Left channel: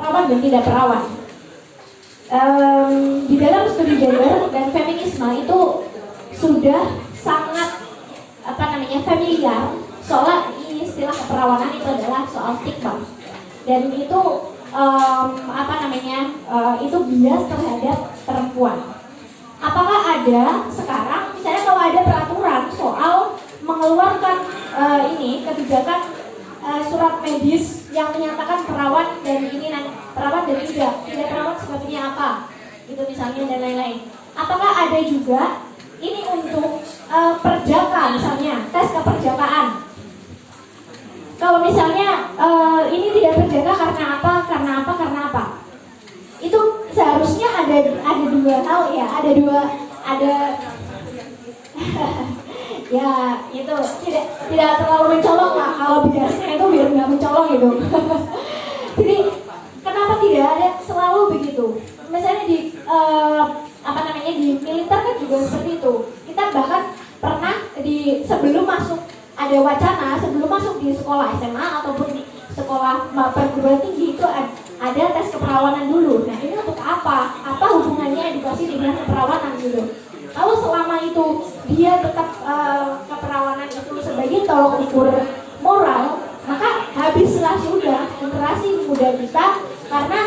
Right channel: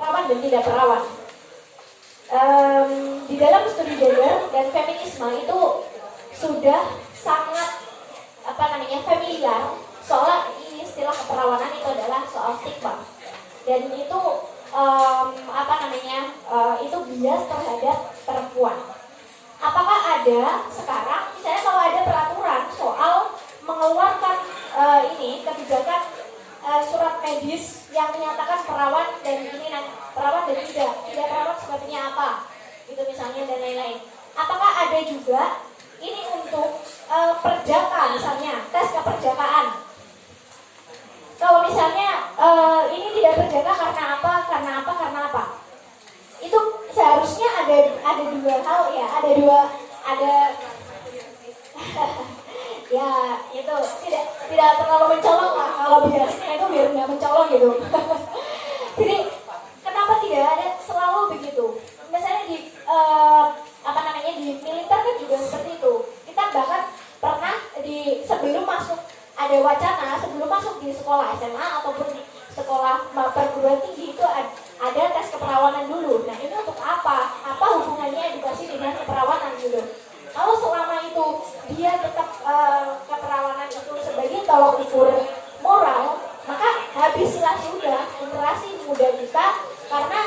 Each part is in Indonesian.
Perawan dan tidak perawan. Di dalam studi gender dan feminisme itu sudah sangat familiar soal istilah keperawanan itu adalah soal stigma dan itu itu bias terhadap perempuan. Apakah ada sekarang misalnya kalau ada peraturan soal mengeluarkan kebijakan surat medis yang menyatakan perawan dan perawan dan tidak perawan sepertinya apa itu misalnya dan lain-lain. Apakah ada juga ini untuk perjaka misalnya tes keperjakaan? Kalau misalnya ini tidak terjaga karena apa? Itu seharusnya ada dua hal ya, ada ya itu tidak terlalu mencolok lah kalau biasanya itu biar nggak mencolok gitu. Jadi kenapa tidak ada selalu begitu? Misalnya di di militer kan juga seperti itu. Kita bahkan pernah sebelum masuk ada wacana sebelum masuk di sekolah SMA ataupun di sekolah perguruan tinggi itu ada tes keperawanan dulu. Nah ini untuk apa? Apa hubungannya edukasi dengan keperawanan gitu? Kalau selama itu dia tetap keperawanan itu sebagai tolok ukur moral, maka habislah sudah generasi muda kita karena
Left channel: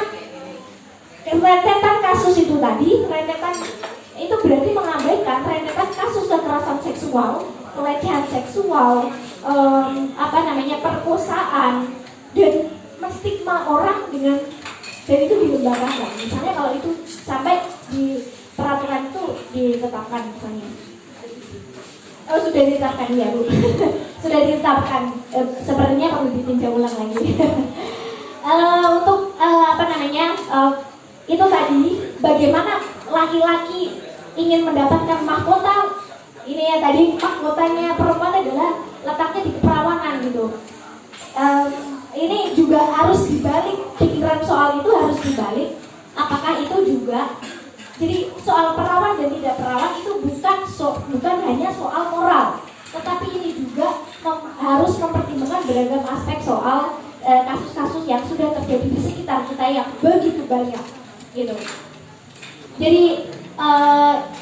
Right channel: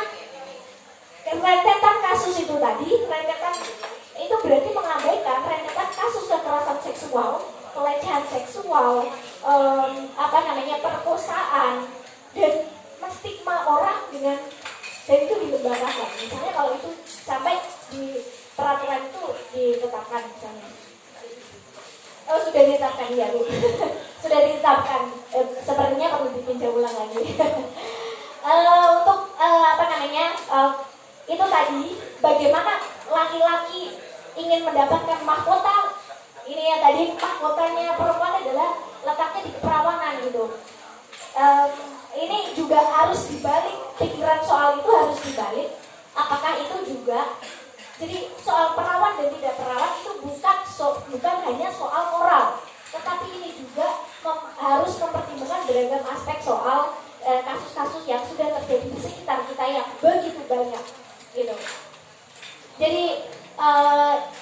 rentetan kasus itu tadi, rentetan itu berarti mengabaikan rentetan kasus kekerasan seksual, pelecehan seksual, perkosaan dan menstigma orang dan itu dilembagakan. Misalnya kalau itu sampai di peraturan itu ditetapkan misalnya. Sudah ditetapkan ya Bu. Sudah ditetapkan. Sepertinya perlu ditinjau ulang lagi. Untuk itu tadi bagaimana laki-laki ingin mendapatkan mahkota. Ini ya tadi mahkotanya perempuan adalah letaknya di keperawanan gitu. Ini juga harus dibalik, pikiran soal itu harus dibalik. Apakah itu juga jadi soal perawan dan tidak perawan itu bukan hanya soal moral, tetapi ini juga harus mempertimbangkan beragam aspek soal kasus-kasus yang sudah terjadi di sekitar kita yang begitu banyak gitu. Jadi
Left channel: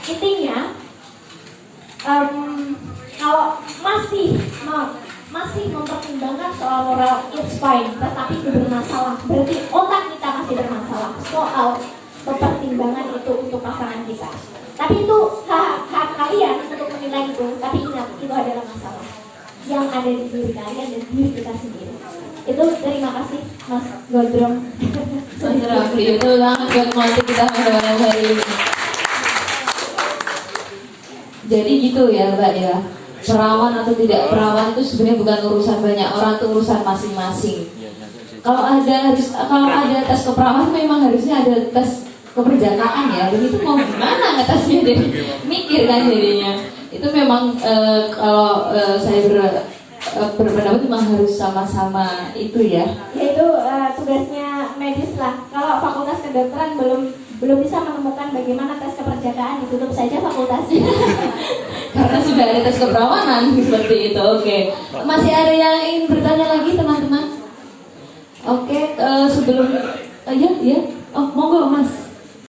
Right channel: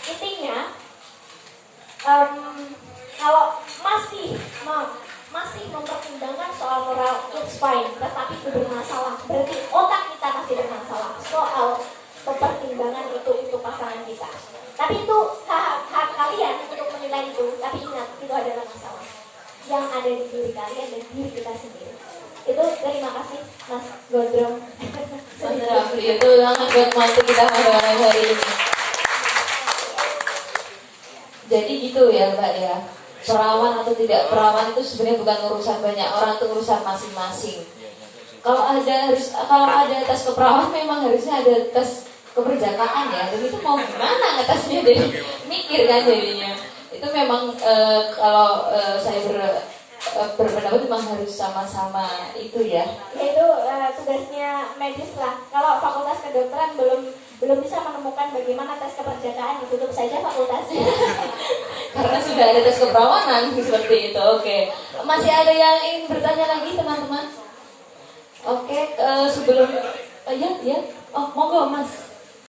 intinya kalau masih mempertimbangkan soal moral it's fine, tetapi itu bermasalah. Berarti otak kita masih bermasalah soal pertimbangan itu untuk pasangan kita. Tapi itu hak kalian untuk menilai itu. Tapi ingat itu adalah masalah yang ada di diri kalian dan diri kita sendiri. Itu terima kasih Mas Godrong. Mas Raffi itu sangat buat masuk kita pada hari ini. Jadi gitu ya Mbak ya. Perawan atau tidak perawan itu sebenarnya bukan urusan banyak orang, itu urusan masing-masing. Kalau ada tes keperawanan memang harusnya ada tes keperjakaan ya. Dan itu mau gimana ngetesnya, jadi mikir kan jadinya. Itu memang kalau saya berpendapat memang harus sama-sama itu ya. Yaitu tugasnya medis lah. Kalau fakultas kedokteran belum bisa menemukan bagaimana tes keperjakaan, ditutup saja fakultasnya. Karena sudah ada tes keperawanan seperti itu. Oke. Masih ada yang ingin bertanya lagi teman-teman? Oke, sebelum ya. Oh, monggo Mas.